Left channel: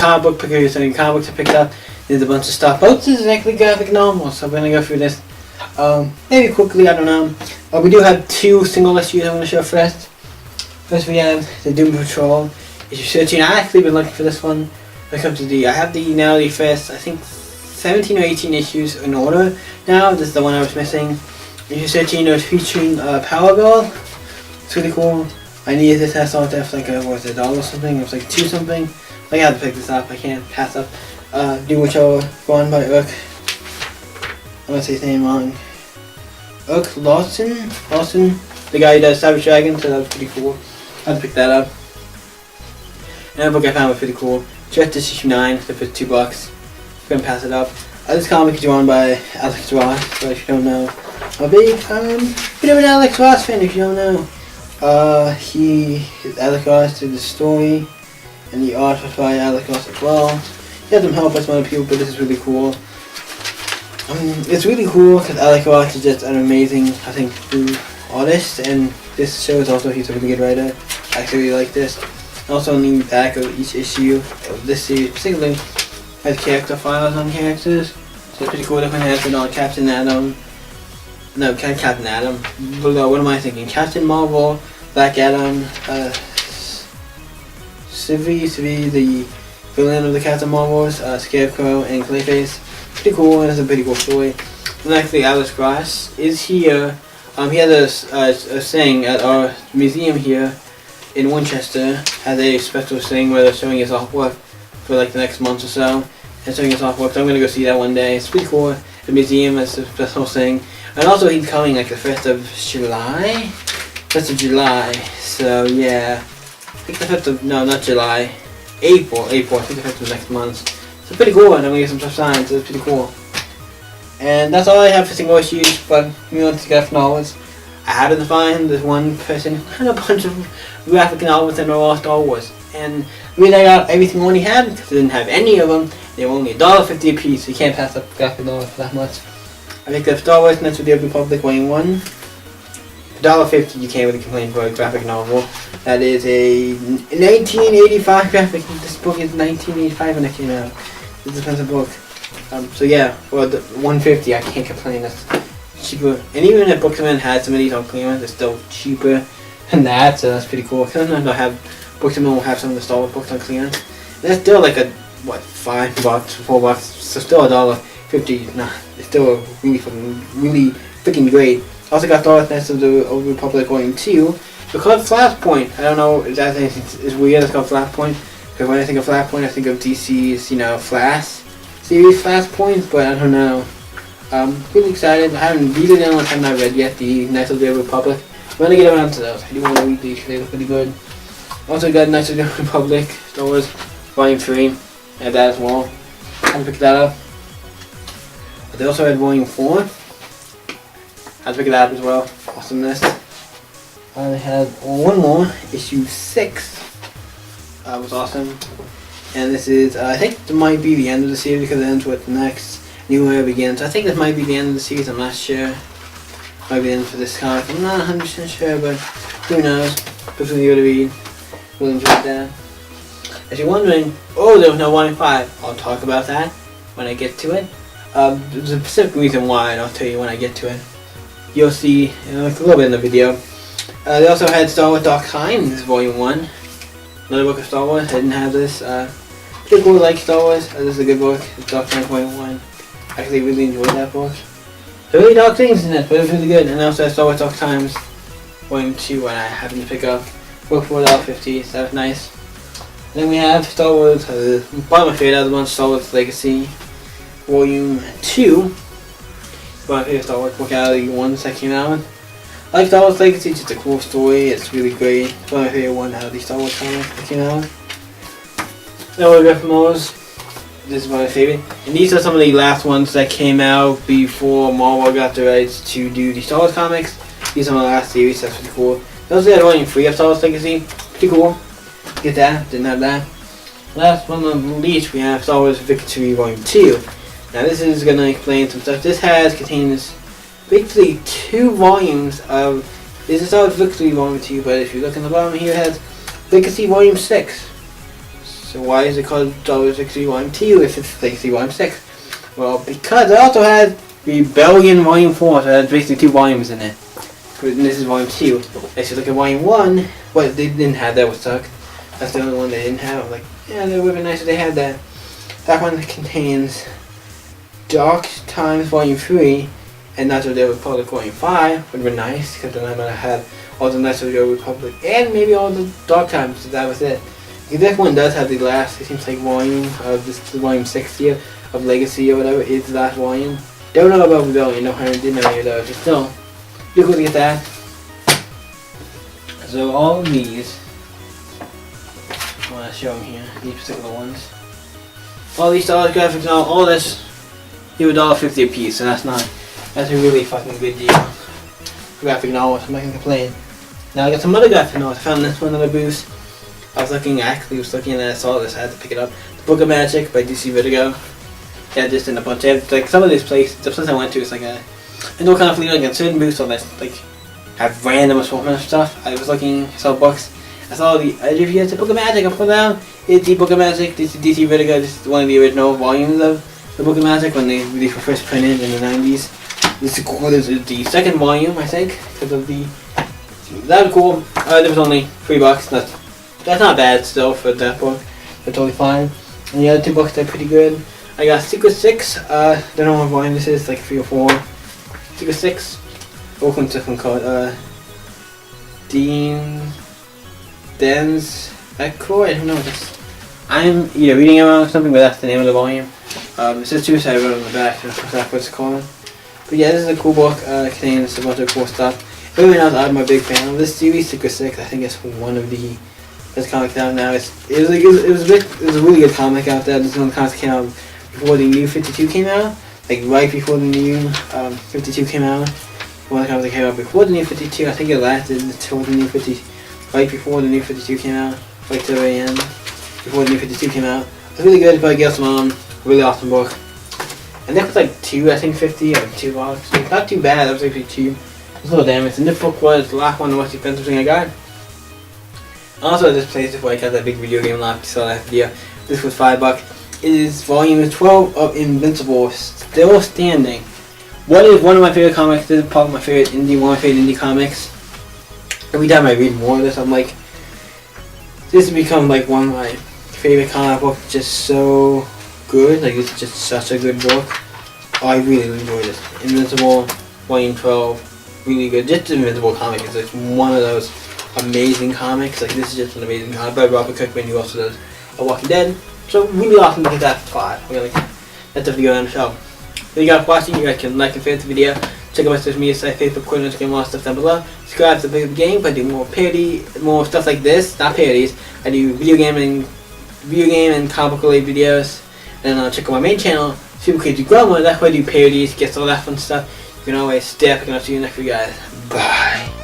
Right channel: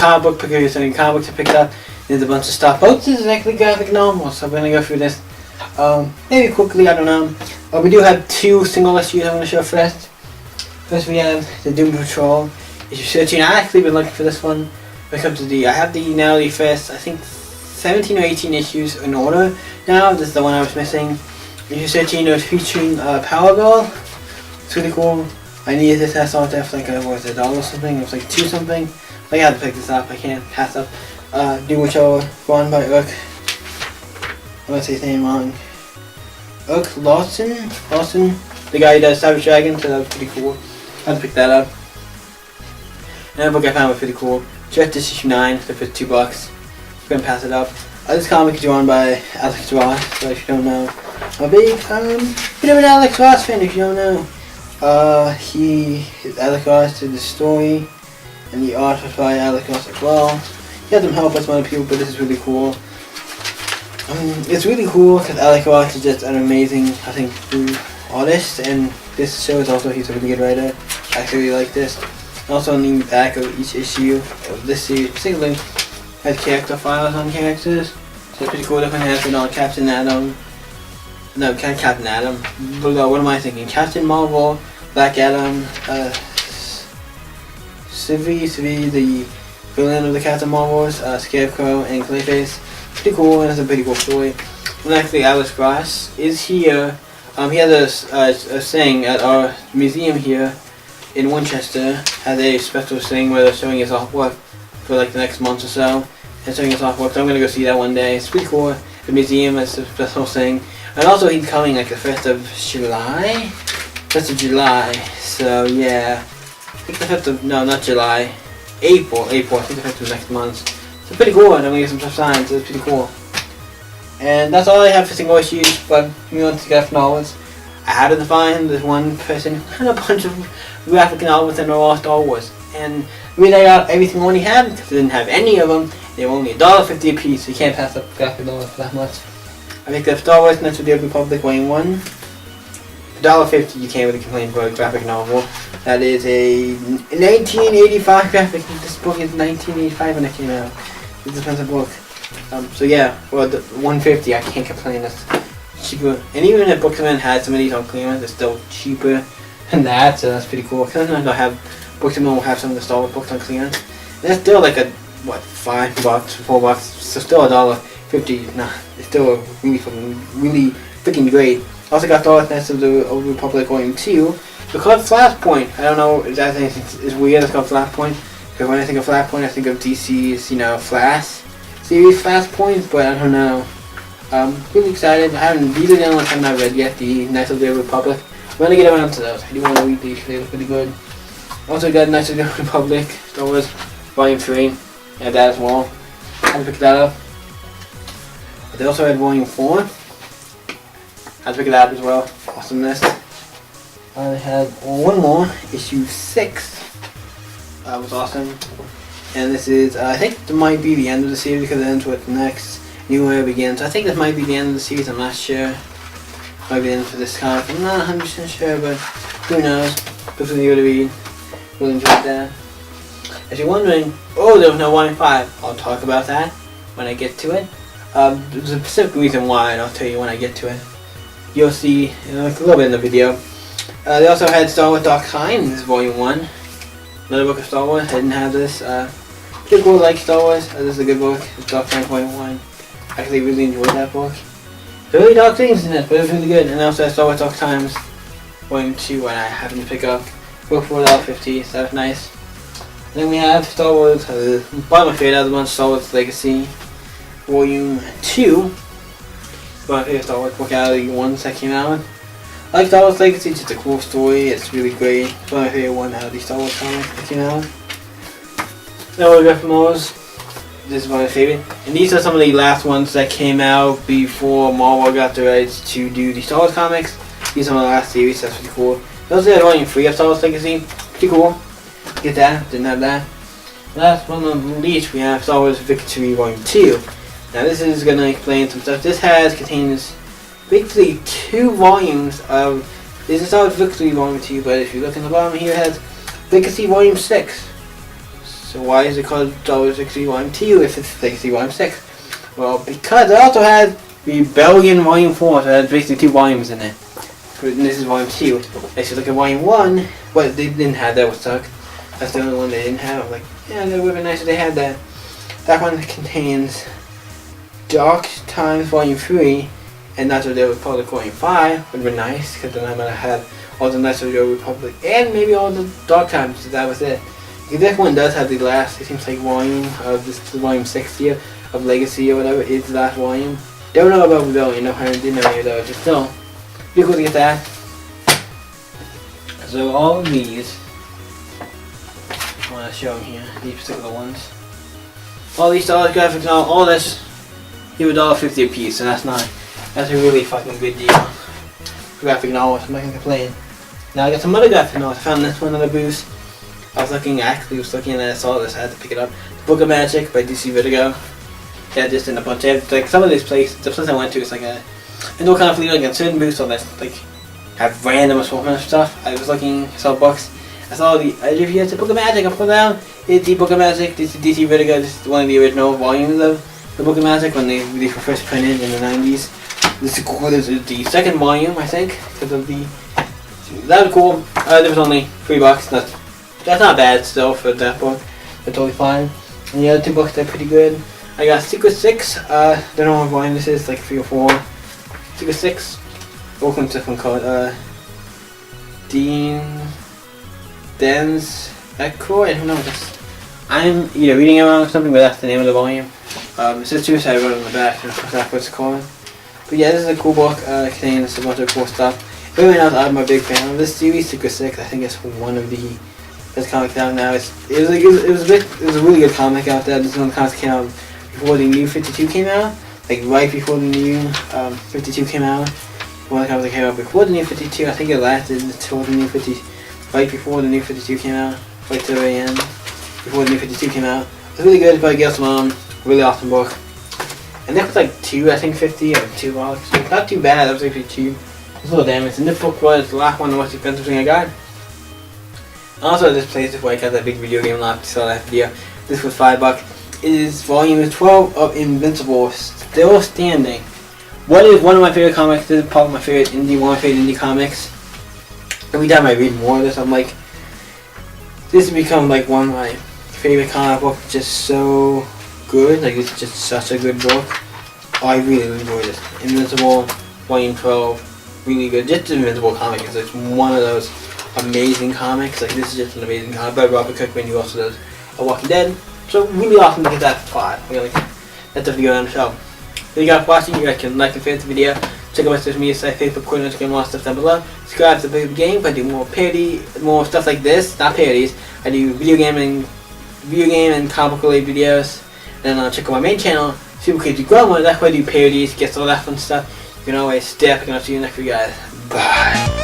comic book pickers and comic books to pick up. There's a bunch of stuff. Both is actually graphic novels, so we're gonna go through this. Maybe quickly, I don't know. We do have 2 single issues I'm gonna show first. First we have the Doom Patrol issue 13. I actually been looking for this one. When it comes to I have now the first, I think 17 or 18 issues in order now. This is the one I was missing. Issue 13 was featuring Power Girl. It's really cool. I needed this. I saw it there for like $1 or something. It was like 2 something. I had to pick this up. I can't pass up. Doom Patrol, run by Urk. I'm gonna say his name wrong. Urk Lawson, the guy who does Savage Dragon. So that was pretty cool. I had to pick that up. Another book I found was pretty cool. Just issue 9. The first $2. I'm gonna pass it up. This comic is drawn by Alex Ross. So if you don't know, I'm a big bit of an Alex Ross fan. If you don't know. Alex Ross did the story, and the art was by Alex Ross as well. He had some help with some other people, but this is really cool. It's really cool because Alex Ross is just an amazing, I think, artist, and this shows also he's a really good writer. I actually really like this. Also on the back of each issue of this series, particularly, has character files on characters. So it's pretty cool. Different has been on Captain Atom. No, Captain Atom. What am I thinking? Captain Marvel, Black Adam, Sylvie, the villain of the Captain Marvels, Scarecrow, and Clayface. Pretty cool, and it's a pretty cool story. And actually, Alex Ross is here. He has a thing at our museum here in Winchester. Has a special thing where they're showing his artwork for like the next month or so. And showing his artwork, so I'm gonna go see that one day. It's pretty cool. The museum is a special thing. And also he's coming like the 1st of July? 1st of July, so yeah. I think the 5th of, no, not July. April, I think the 5th of next month. So pretty cool, and I'm gonna get some stuff signed, so it's pretty cool. And that's all I have for single issues, but if you want to get novels, I happened to find this one person who had a bunch of graphic novels and they're all Star Wars. And the reason I got everything I only had, because I didn't have any of them, they were only $1.50 a piece, so you can't pass up graphic novels for that much. I picked up Star Wars Knights of the Old Republic Volume 1. For $1.50 you can't really complain for a graphic novel. That is a 1985 graphic. This book is 1985 when it came out. It's an expensive book. So yeah, for the $1.50 I can't complain. That's cheaper. And even if Bookman had some of these on clearance, it's still cheaper than that, so that's pretty cool. Because sometimes I'll have Bookman will have some of the Star Wars books on clearance. And that's still like a $5, $4, so still $1.50. Nah, it's still really freaking great. Also got Star Wars Knights of the Old Republic Volume 2. It's called Flashpoint. I don't know if that is weird. It's called Flashpoint because when I think of Flashpoint, I think of DC's Flash series Flashpoint, but I don't know. Really excited. I haven't read it unless I've not read yet. The Knights of the Old Republic. I'm gonna get around to those. I do want to read these. They look pretty good. Also got Knights of the Old Republic Star Wars Volume 3. I had that as well. I'll pick that up. But they also had Volume 4. I'll pick it up as well. Awesomeness. They had one more, issue 6. Was awesome. And this is, I think it might be the end of the series because it ends with the next New Era begins. I think this might be the end of the series, I'm not sure. Might be the end for this comic, I'm not 100% sure, but who knows. Definitely going to read. Really enjoyed that. If you're wondering, there was no 1 in 5, I'll talk about that when I get to it. There's a specific reason why, and I'll tell you when I get to it. You'll see a little bit in the video. They also had Star Wars Dark Times Volume 1. Another book of Star Wars. I didn't have this. Pretty cool, like Star Wars. This is a good book. It's Dark Times Volume 1. I actually really enjoyed that book. There are really dark things in it, but it was really good. And also Star Wars Dark Times Volume 2, when I happened to pick up. Book for $1.50, so that was nice. And then we have Star Wars, probably my favorite other one, Star Wars Legacy Volume 2. My favorite Star Wars book out of the ones that came out. I like Star Wars Legacy, it's just a cool story, it's really great. It's one of my favorite one out of the Star Wars comics that came out. Now we got from those. This is one of my favorite. And these are some of the last ones that came out before Marvel got the rights to do the Star Wars comics. These are my last series, that's pretty cool. They also had Volume 3 of Star Wars Legacy, pretty cool. Get that, didn't have that. Last one on the least, we have Star Wars Victory Volume 2. Now this is going to explain some stuff. This contains basically 2 volumes of, this is Star Wars Victory Volume 2, but if you look in the bottom here, it has Legacy Volume 6. So why is it called Double 60 Volume 2 if it's 60 Volume 6? Well, because it also had Rebellion Volume 4, so it had basically 2 volumes in it. And this is Volume 2. If you look at Volume 1, what they didn't have that was suck. That's the only one they didn't have. Like, yeah, it would have been nice if they had that. That one contains Dark Times Volume 3, and Knights of the Old Republic Volume 5 would be nice, because then I might have had all the Knights of the Old Republic and maybe all the Dark Times, so that was it. Because this one does have the last, it seems like, volume of this, the volume 60 of Legacy or whatever is the last volume. Don't know about Rebellion, no, I didn't know any of those, but still, pretty cool to get that. So all of these, I want to show them here, these particular ones. All these dollar graphics, all this, you $1.50 a piece, so that's a really fucking good deal. Graphic novels, I'm not gonna complain. Now I got some other graphic novels. I found this one at a booth. I was looking and I saw this, I had to pick it up. The Book of Magic by DC Vertigo. Yeah, just in a bunch of, like, some of this place, the place I went to is like a no kind of like a certain booths on this, like, have random assortment of stuff. I was looking, saw books. I saw the reviews, the Book of Magic, I put down. It's the Book of Magic, this is DC Vertigo, this is one of the original volumes of the Book of Magic when they were first printed in the 90s. This is cool, this is the second volume, I think, because of the, that was cool. There was only $3, that's not bad still for that book, they're totally fine. And the other 2 books, they're pretty good. I got Secret 6, don't know what volume this is, like 3 or 4. Secret 6, what one's this one called? Den's Echo, I don't know, I'm either reading it wrong or something, but that's the name of the volume. It says Suicide Road on the back, that's what it's called. But yeah, this is a cool book, contains a bunch of cool stuff. Everyone else, I'm a big fan of this series, Secret 6. I think it's one of the best comics out now. It was a really good comic out there. This is one of the comics that came out before the new 52 came out, like right before the new 52 came out. One of the comics that came out before the new 52. I think it lasted until the new 50, right before the new 52 came out, right to the very end, before the new 52 came out. It was really good. It's by Gail Simone. Really awesome book. And that was like $2, I think 50 or $2. Not too bad. That was actually cheap. It was a little damaged. And this book was the last one, the most expensive thing I got. Also, at this place before I got that big video game loft, saw that video. This was $5. It is volume 12 of Invincible, still standing. What is one of my favorite comics? This is probably one of my favorite indie comics. Every time I read more of this, I'm like, this has become like one of my favorite comic books. Just so good. Like, it's just such a good book. Oh, I really enjoyed this. Invincible, volume 12, really good. Just the Invincible comic is like one of those amazing comics. Like, this is just an amazing comic by Robert Kirkman, who also does A Walking Dead. So really awesome to get that for 5. That's the video on the show. Thank you guys for watching. You guys can like and favorite the video. Check out my social media site, Facebook, Twitter, Instagram, all that stuff down below. Subscribe to the game. I do more parody, more stuff like this. Not parodies. I do video game and comic related videos. And check out my main channel, Super Crazy Grandma. That's where I do parodies, guests, all that fun stuff. You can always stay up, and I'll see you next video, guys. Bye.